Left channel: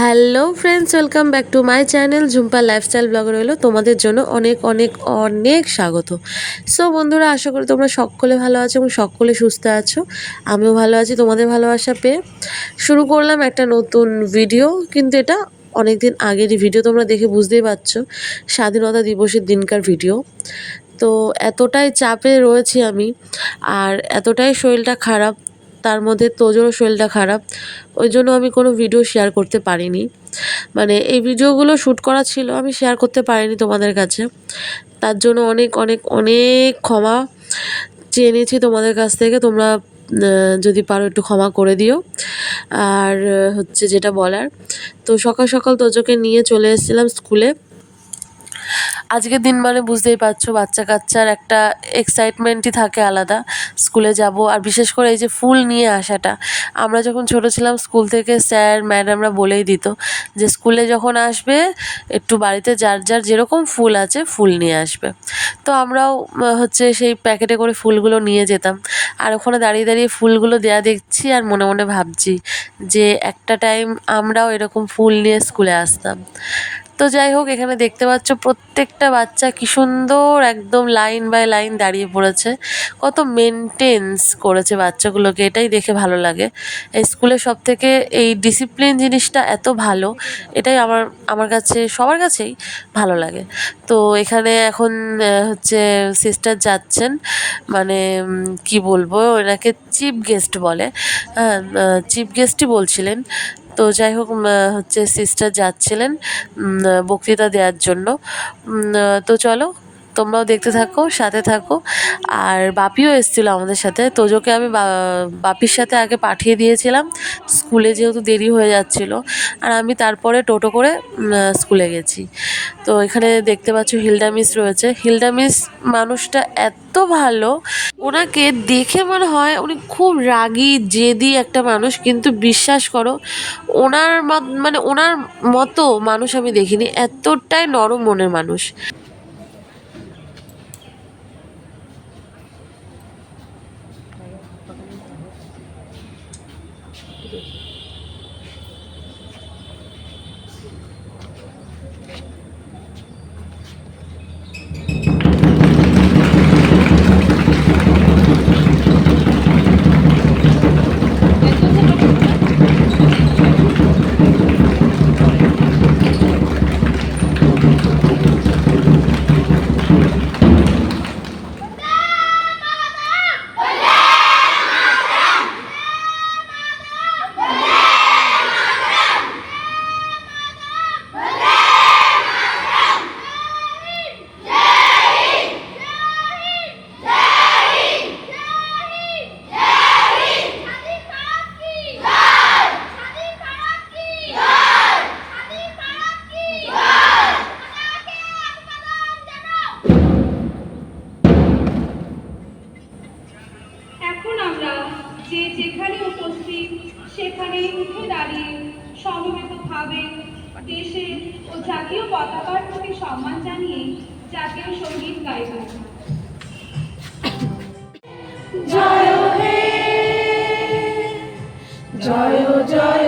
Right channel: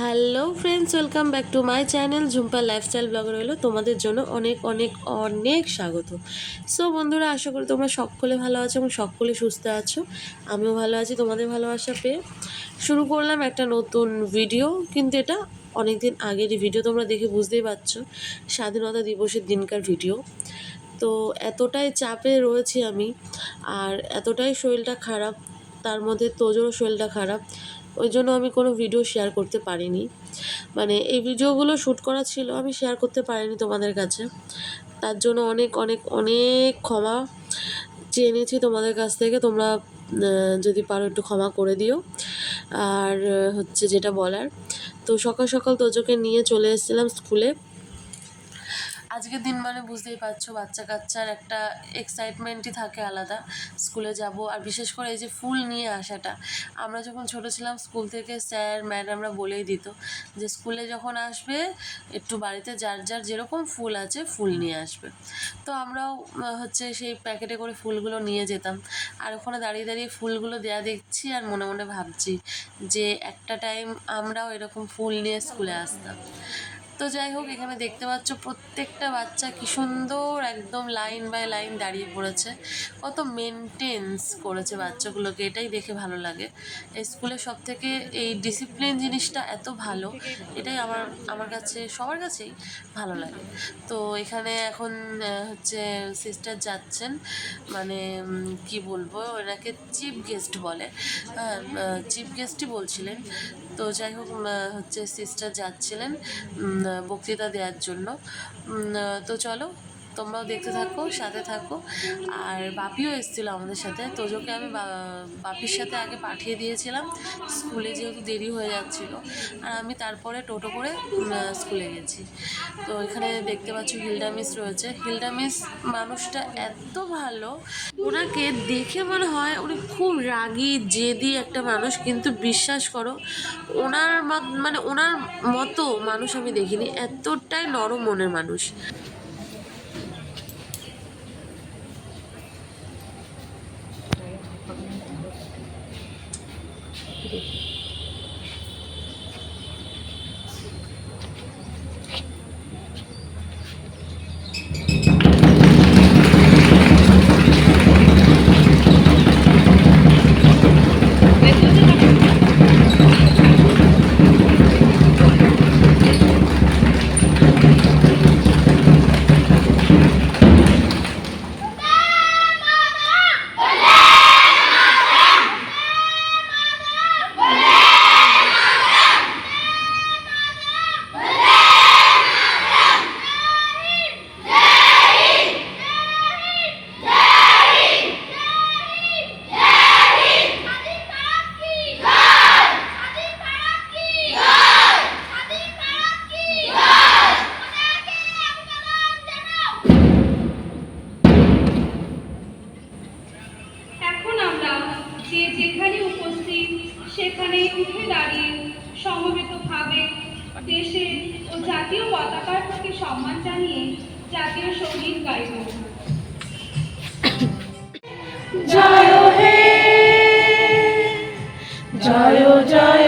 Hello friends, welcome back to my channel Jhumpa lifestyle blog রইল। তোমাদের জন্য অনেক অনেক অনেক স্বাগত। সো বন্ধুরা, আশা করি তোমরা সকলে ভালো আছো এবং সকলে সুস্থ আছো। আমিও ভালো আছি, তোমাদের ভালোবাসা পেয়ে। শুরু করলাম একটা নতুন ভিডিও কিন্তু এটা অনেক দিন আগেরই ভিডিও তোমরা দেখে বুঝতেই পারছ। স্বাধীনতা দিবসের দিনকার ভিডিও তো এতটাই চাপে রয়েছি আমি, আর এতটাই শরীরটা খারাপ তার মধ্যে তোজোরও শরীরটা খারাপ। ওই জন্য আমি কোনো ভিডিও শেয়ার করতে পারিনি। মানে এই ভিডিওগুলো শ্যুট করা ছিল, আমি শেয়ার করতে পারিনি তোমাদের কাছে। তার জন্য অনেক অনেক অনেক ক্ষমা চেয়ে নিয়েছি তোমাদের কাছ থেকে। তোমরা যদি পারো একটু ক্ষমা করে দিও। আর, হচ্ছে যেটা বলার, তো সকাল সকাল তোজোকে নিয়ে চলে এসেছিলাম স্কুলে আজকের দিন মানে বুঝতেই পারছ, বাচ্চা কাচ্চার একটা এক্সাইটমেন্টই থাকে আলাদা। স্কুলে যাব, আর বিশেষ করে এই যে ফুল নিয়ে আসাটা। আমরা যখন ছোট ছিলাম, স্কুল থেকে স্যার, ম্যাডামরা বলেই দিত যে স্কুলে যখন আসবে, একটু বাড়িতে যার যার যেরকম ফুল আছে, ফুল নিয়ে আসবে। তো আমরাও হচ্ছে সেই প্যাকেটে করে ফুলগুলো নিয়ে যেতাম। আর ওখানে দাঁড়িয়ে দাঁড়িয়ে ফুলগুলো দেয়া দেখছি আর মনে মনে ভাবছি যে একটা টাইম আমরাও এরকম ফুল নিয়ে স্কুলে আসতাম। তো যাই হোক, এখানে দেখতে পাচ্ছ প্রত্যেকটা বাচ্চা কি সুন্দর একদম লাইন বাই লাইন দাঁড়িয়ে পড়েছে। কত মেনটেন্স করেছে বাচ্চাগুলোকে, এটাই দেখে ভালো লাগে। স্কুলে সব থেকে এই ডিসিপ্লিন জিনিসটা এত ভালো, এটাই আমার আমার কাছে, সবার কাছেই ভালো লাগে। তো এখানে এখন হচ্ছে সিস্টার যাচ্ছেন মানে কি বলব এনাকে চিফ গেস্ট বলে হ্যাঁ চিফ গেস্টই বলছিলেন। তো যাই হোক হচ্ছে সিস্টার যাচ্ছিলেন বক্তৃতা দেওয়ার জন্য। তো চলো তোমরাও দেখতে থাকো, সাথে থাকো। আর বাপিও এসেছিল আমাদের সাথে। তোজোকে আমি বাপির সাথে আগে পাঠিয়ে দিয়েছিলাম। স্কুলে যেহেতু দেরি হয়ে যাচ্ছিল। আর আমি তারপরে টোটো করে স্কুলে গেছি। তো এখানে দেখতে পাচ্ছ হিলডা মিস রয়েছে। হিলডা মিস মানুষটা এত ভালো। ওনাকে দেখে মনে হয় উনি খুব রাগী, জেদি একটা মানুষ। কিন্তু বিশ্বাস করো, ওনার মানে ওনার মতো মানুষ আমি দেখিনি। এতটাই নরম মনের মানুষ। উপস্থিত সেখানে উঠে দাঁড়িয়ে সমবেতভাবে দেশের ও জাতীয় পতাকার প্রতি সম্মান জানিয়ে জাতীয় সংগীত গাইব। জয় হে, জয় জয়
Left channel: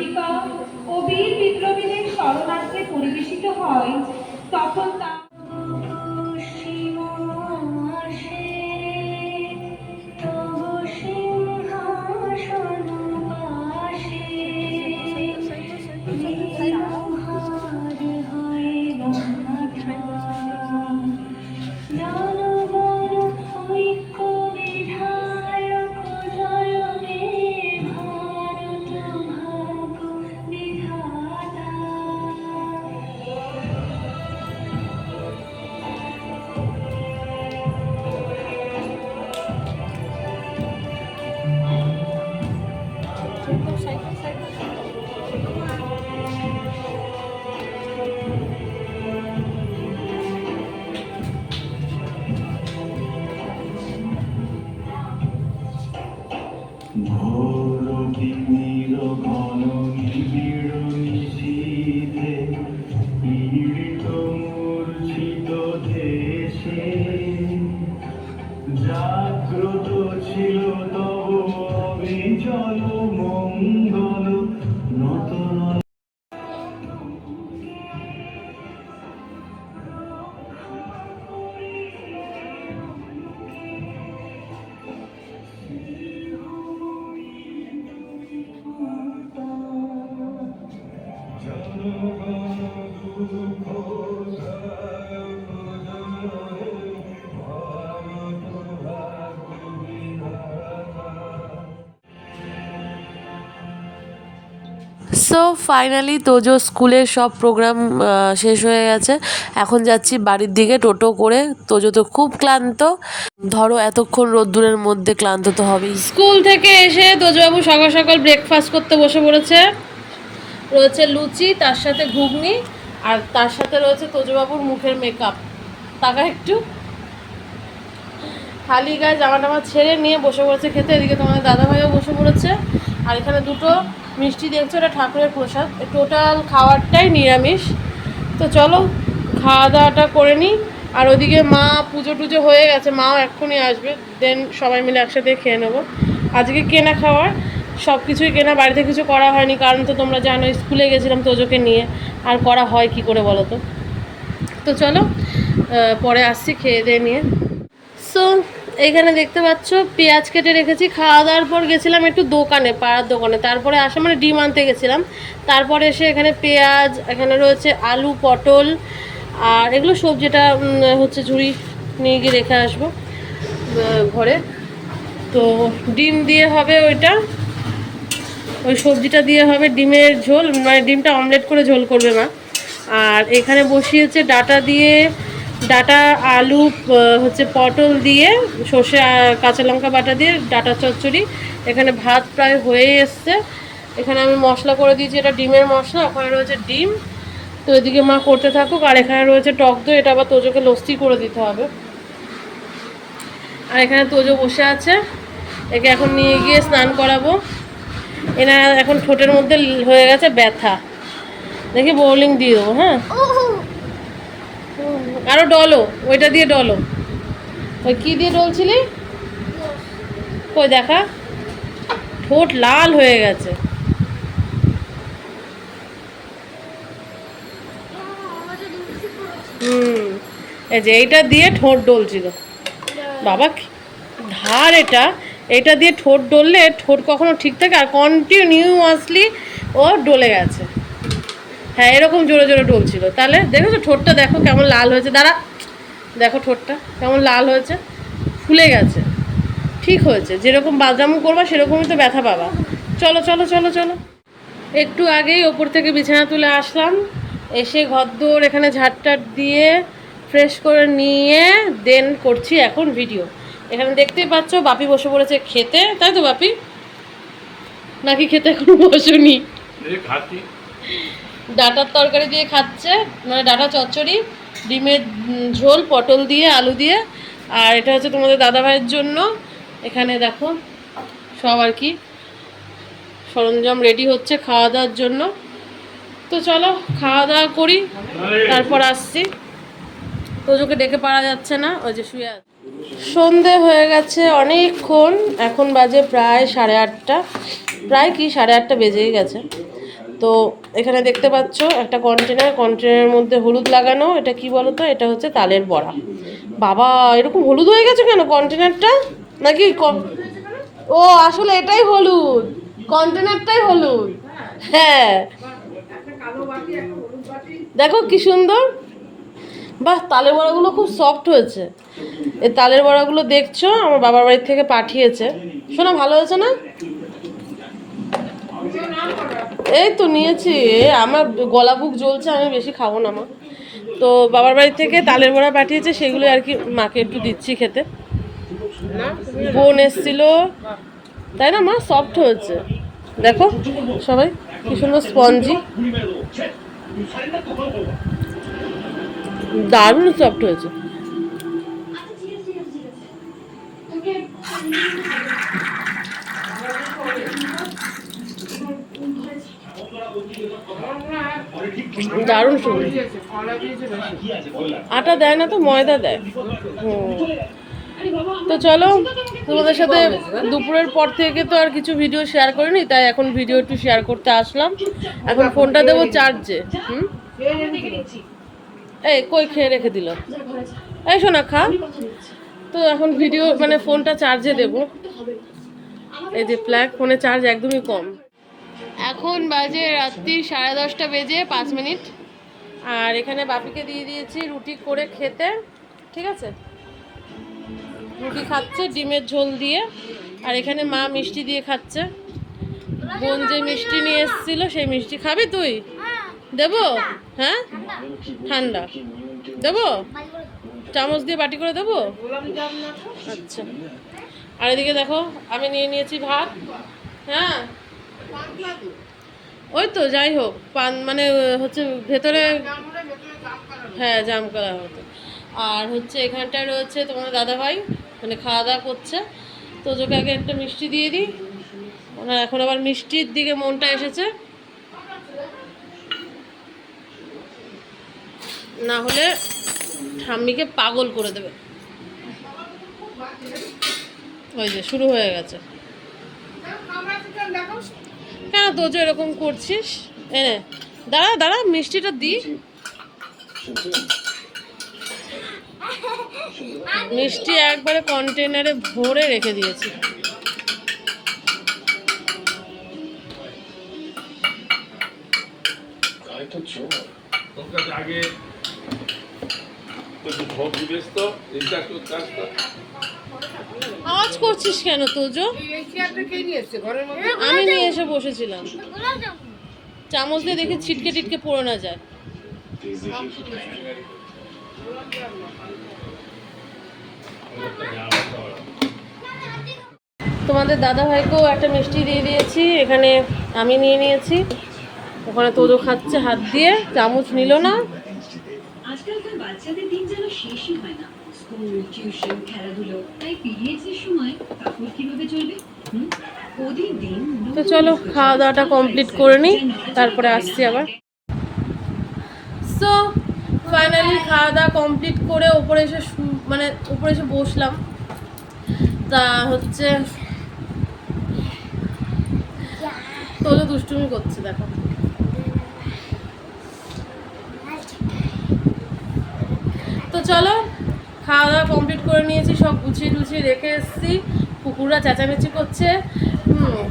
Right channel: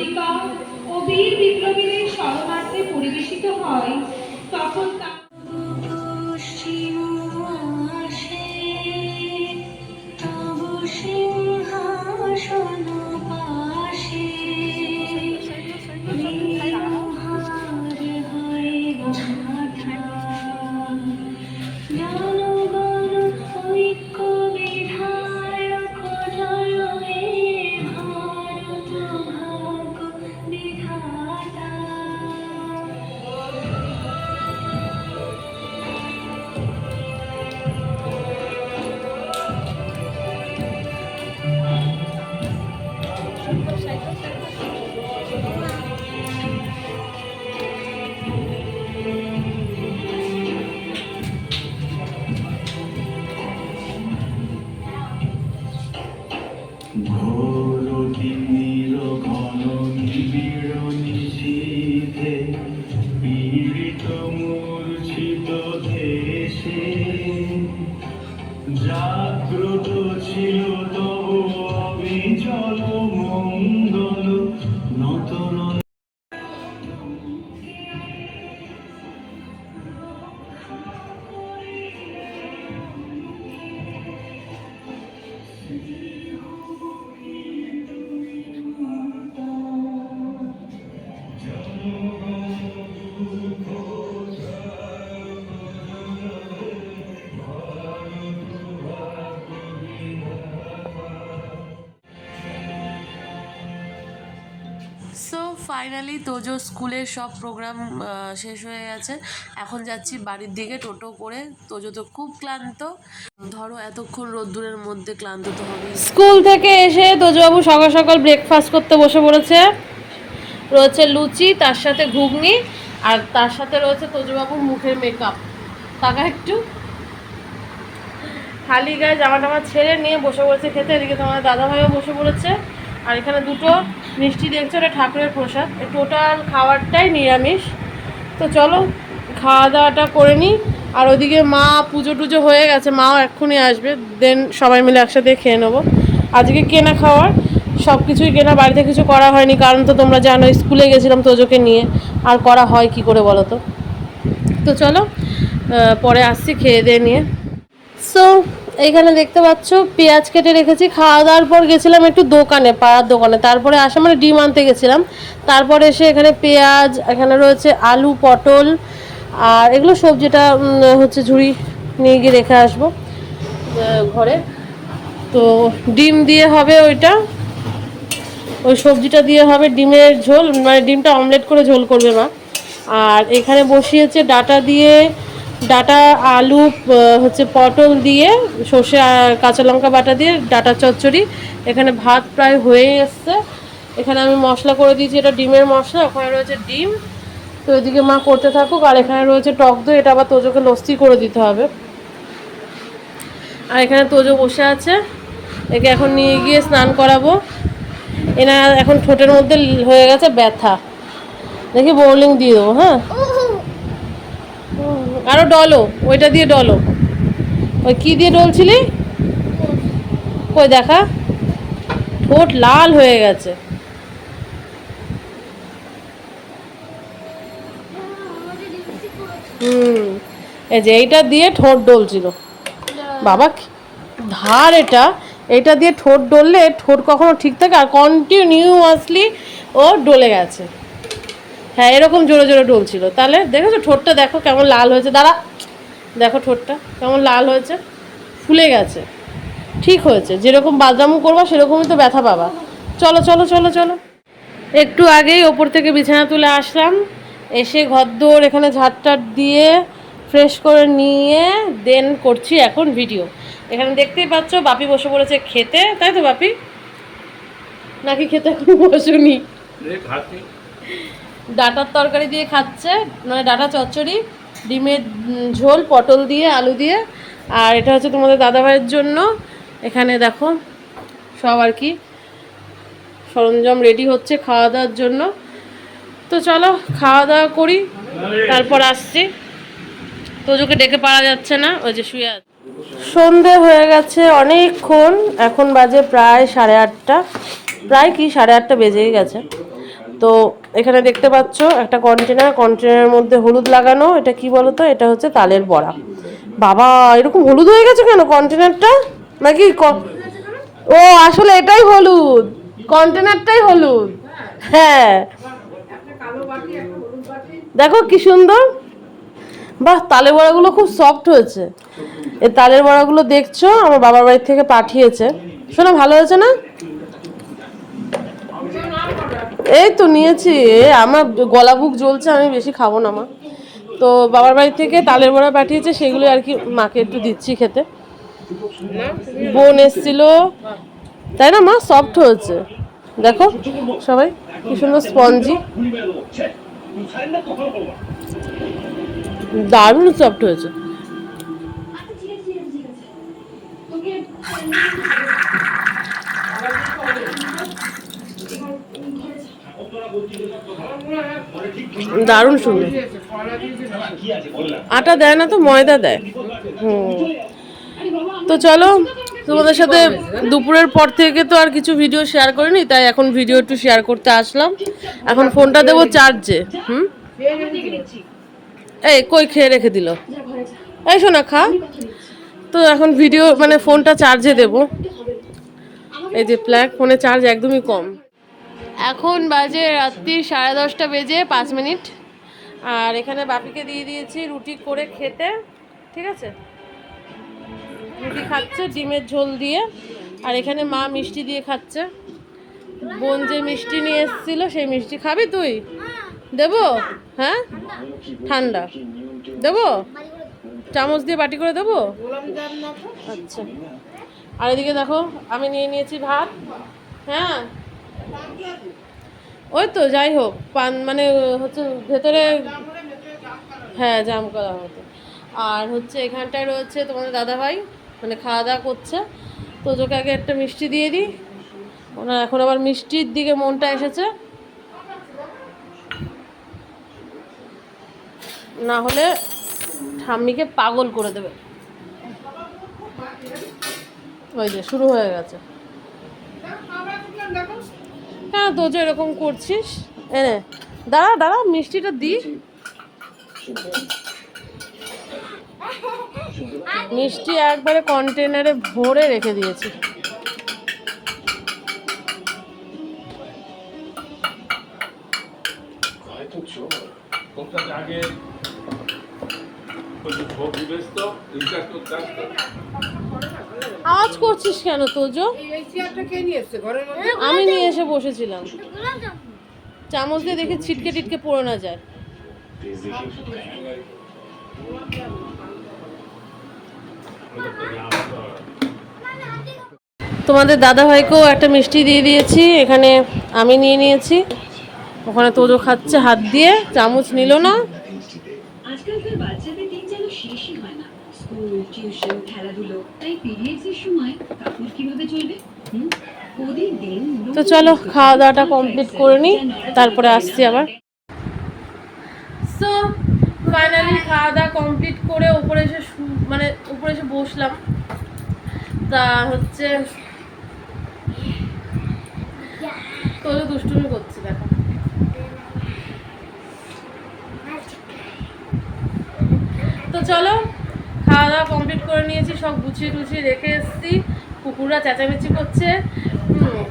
দেশমাতৃকা ও ফাইনালি তোজো স্কুলের সব প্রোগ্রাম শেষ হয়ে গেছে। এখন যাচ্ছি বাড়ির দিকে টোটো করে। তোজো তো খুব ক্লান্ত। ধরো এতক্ষণ রোদ্দুরের মধ্যে ক্লান্ত তো হবেই। স্কুল থেকে এসে তোজবাবু সকাল সকাল ব্রেকফাস্ট করতে বসে পড়েছে। রয়েছে লুচি, তার সাথে ঘুগনি, আর তার সাথে রয়েছে তোজবাবুর মুখের মেকআপ টাকা একটু। খালি গায়ে জামা টামা ছেড়ে নিয়ে বসে পড়েছে খেতে। এদিকে তোমাদের দাদাভাইও বসে পড়েছে। আর এখানে দুটো মিষ্টি দেখছ, এটা ঠাকুরের প্রসাদ। টোটাল খাওয়ারটাই নিরামিষ। তো চলো খাওয়া দাওয়াটা করে নিই। আর ওদিকে মা পুজো টুজো হয়ে গেছে, মাও এক্ষুনি আসবে। দেন সবাই মিলে একসাথে খেয়ে নেব। আজকে কেনা খাওয়ার সব কিছুই কেনা, বাড়িতে কিছু করা হয়নি। কারণ তো তোমরা জানো, স্কুলে গেছিলাম তোজোকে নিয়ে। আর করা হয় কি করে বলো তো? তো চলো পরে আসছি, খেয়ে দিয়ে নিয়ে। সো এইখানে দেখতে পাচ্ছ, পেঁয়াজ কেটে রেখেছি। খাওয়া দাওয়ার পর গেছিলাম একটু দোকানে, পাড়ার দোকানে। তারপরে আসা মানে ডিম আনতে গেছিলাম। তারপরে এসে এখানে পেঁয়াজ, এখানে রয়েছে আলু, পটল, আর এগুলো সবজিটা হচ্ছে ঝুড়ি নিয়ে গিয়ে রেখে আসব ঘরে। তো ডিম দিয়ে হবে ওইটা। ওই সবজিটা দিয়ে হবে ডিমের ঝোল মানে ডিমটা অমলেট করে ঝোল করবে মা। আর এখানে বসিয়েছে ডাটা দিয়ে ডাটা, আলু হচ্ছে পটল দিয়ে, সর্ষে কাঁচা লঙ্কা বাটা দিয়ে ডাটা চচ্চড়ি। এখানে ভাত প্রায় হয়ে এসছে। এখানে আমি মশলা করে দিয়েছি, এটা ডিমের মশলা, ওখানে রয়েছে ডিম। তো এদিকে মা করতে থাকুক, আর এখানে রয়েছে টক দই, এটা আবার তোজোকে লস্যি করে দিতে হবে। আর এখানে তোজো বসে আছে। একে এখন নিয়ে গিয়ে স্নান করাবো। এনা এখন ঠোঁটের মধ্যে হয়ে গেছে ব্যথা। দেখি বোলিং দিয়ে দেবো হ্যাঁ? হুম, আরও ডলো ওইটা দিয়ে ডলো। ওই কি দিয়ে ডলছিলি? কই দেখা। ঠোঁট লাল হয়ে গেছে। হুম এই যে এইটা দিয়ে ঠোঁট ডলছিল। বাবা ধার এটা। এটা দিয়ে ঠোঁট ডললে ঠোঁট কখনো ঠিক থাকে? আর কন্টিনিউয়াসলি ও ডলে গেছে। হ্যাঁ এরকম জোরে জোরে ডলছিল তাহলে দেখেছ, ঠোঁটটা দেখো কেমন লাল হয়েছে। দাঁড়া, দেখো ঠোঁটটা কেমন লাল হয়েছে। ফুলে গেছে। ঠিক হয়েছে। যেরকম বাদামু করবা, সেরকমই তো ব্যথা পাবা। চলো চলো চলো চলো। একটু আগেই ওপর থেকে বিছানা তুলে আসলাম। এসে ঘরদোর এখানে ঝাড়টাট দিয়ে ফ্রেশ করে নিয়ে দেন করছি এখন ভিডিও এখানে দেখতেই পাচ্ছ, বাপি বসে পড়েছে খেতে। তাই তো, বাপি? নাকি খেতে এখনও বসুনি? ডাটার তরকারি দিয়ে খাচ্ছে মানে ডাটা চচ্চড়ি, ডিমের ঝোল, পটল দিয়ে, আলু দিয়ে, আর এটা হচ্ছে তোমাদের দাদাভাইয়ের জন্য। এখানে দেখো সব আর কি সরঞ্জাম রেডি হচ্ছে খাওয়া দাওয়ার জন্য। তো চলো খাওয়া দাওয়া করি, তারপর আসছি। তোজোকে ডেকে পারা যাচ্ছে না, ওই যে শুয়ে আছে। সন্ধে হয়ে গেছে অনেকক্ষণ, এখন বাজে প্রায় সাড়ে আটটা। প্রায় কি সাড়ে আটটা বেজেই গেছে। তো এখানে দেখতে পাচ্ছ একটা কন্টেনার কন্টেনারের মধ্যে হলুদ লাগানো, এটা কি বলতো? এটা হচ্ছে তালের বড়া। বাবা, এরকম হলুদ হয়ে গেছে কেন কন্টেনারটা নাকি ও, আসলে এটাই হলুদ। কন্টেনারটাই হলুদ। হ্যাঁ। দেখো কি সুন্দর। বাহ, তালের বড়াগুলো খুব সফট হয়েছে। এই তালের বড়াগুলো দেখছ, আমার বাবার বাড়ি থেকে পাঠিয়েছে। শোনো, ভালো হয়েছে না? এই তো নিয়েছি আমার গলা বুক জ্বলছে, আমি বেশি খাব না মা। তো বাবার বাড়ি থেকে তালের বড়া পাঠিয়েছে, সেগুলো আর কি মাকে একটু দিচ্ছি খেতে। বোন এসছিল, তাই না মা? সফট হয়েছে। দেখো সবাই, কি সুন্দর স্পঞ্জি। দারুণ সফট হয়েছে। দারুণ সুন্দর। আটা দেয় না তো, ময়দা দেয়। তো চলো, তোমাদের সাথে দুপুরের পর থেকে তো আর কিছু ভিডিও শেয়ার করিনি, তাই এখন ভিডিও একটু শেয়ার করতে আসলাম। এখন ফোনটা দেবো চার্জে হুম? এই, কই খেয়ে রেখে দিল? এই শোনা খা। তো এখন ভিডিও মানে ফোনটা চার্জে দেব। এই যে প্ল্যাগ ফোনে চার্জ একদমই কম। এখন বাজে রাত্রি সাড়ে দশটা বেজে পাঁচ মিনিট। আর এখানে বাপিকে দিয়ে দিয়েছি রুটি করে খেতে, ঠিক আছে? রুটি খাচ্ছে, ডিমের ঝোল দিয়ে। আর এখানে মা মিষ্টি দিয়ে খাচ্ছে। বোন যে মিষ্টি নিয়ে এসেছিল, সেই মিষ্টি খাবি তুই? দেবো? হ্যাঁ? ঠান্ডা। দেবো? চামচ দিয়ে বাটি করে দেবো? আচ্ছা। আর এদিকে দেখো, আমি নিয়ে নিয়েছি ভাত। হ্যাঁ? ওই তো, যাই হোক, পান মানে হচ্ছে ভেতরে হ্যাঁ জাম করা হতো। আর হচ্ছে এখানটায় রয়েছে তোমাদের দাদাভাই মানে খাওয়া দাওয়া করছে। তো তোকে আগে একটা মিষ্টি দিয়ে দিই। ওনার এখন আবার মিষ্টির দিকে মনটা এসেছে। না হলে ঠাম্মিকে পাগল করে দেবে। ওই যে, শুরু হয়ে গেছে। তো যে এরকম করছিস? এনে দাঁড়া দাঁড়া মিষ্টিটা দি। মিষ্টি একবারে কন্টেনারে ভরে রেখে দিয়েছি। আগে আওয়াজ করছিস কেন তোজো? আমি নিয়ে এসে বসেছিলাম। চামচ দিয়ে দেখে ছিটকে টিটকে পড়ে না যায়। তোমাদের দাদা ভাইকেও একটা মিষ্টি দিয়ে দিয়েছি, এখানে আমি নিয়ে নিয়েছি। ওখানে তোজো খাচ্ছে হাত দিয়ে, চামচ নিল না। শেষই হয় না। স্কুল টিউশন খেলাধুলো তাই পিরিয়ডসের সময় কাপড় কীভাবে চলবে? হুম? তো চলো খাওয়া দাওয়াটা কমপ্লিট করে নিই তারপরে আসছি আবার। সো ফাইনালি খাওয়া দাওয়া কমপ্লিট করে ওপরে এসে শু- মানে উপরে এসে বসলাম। তা হচ্ছে তোলো দুষ্টুমি করছে দেখো। তো চলো, খাওয়া দাওয়া কমপ্লিট করে নিয়েছি, সব গুছিয়ে টুছিয়ে রেখে এসেছি। কুকুররা চেঁচামেচি করছে।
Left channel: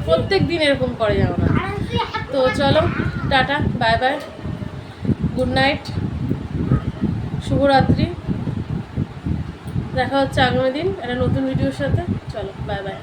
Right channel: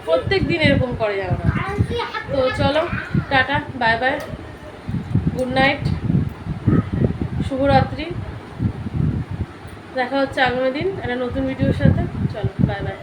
প্রত্যেক দিন এরকম করে যাও না। তো চলো, tata bye bye good night শুভরাত্রি। দেখা হচ্ছে আগামী দিন, একটা নতুন ভিডিওর সাথে। চলো বাই বাই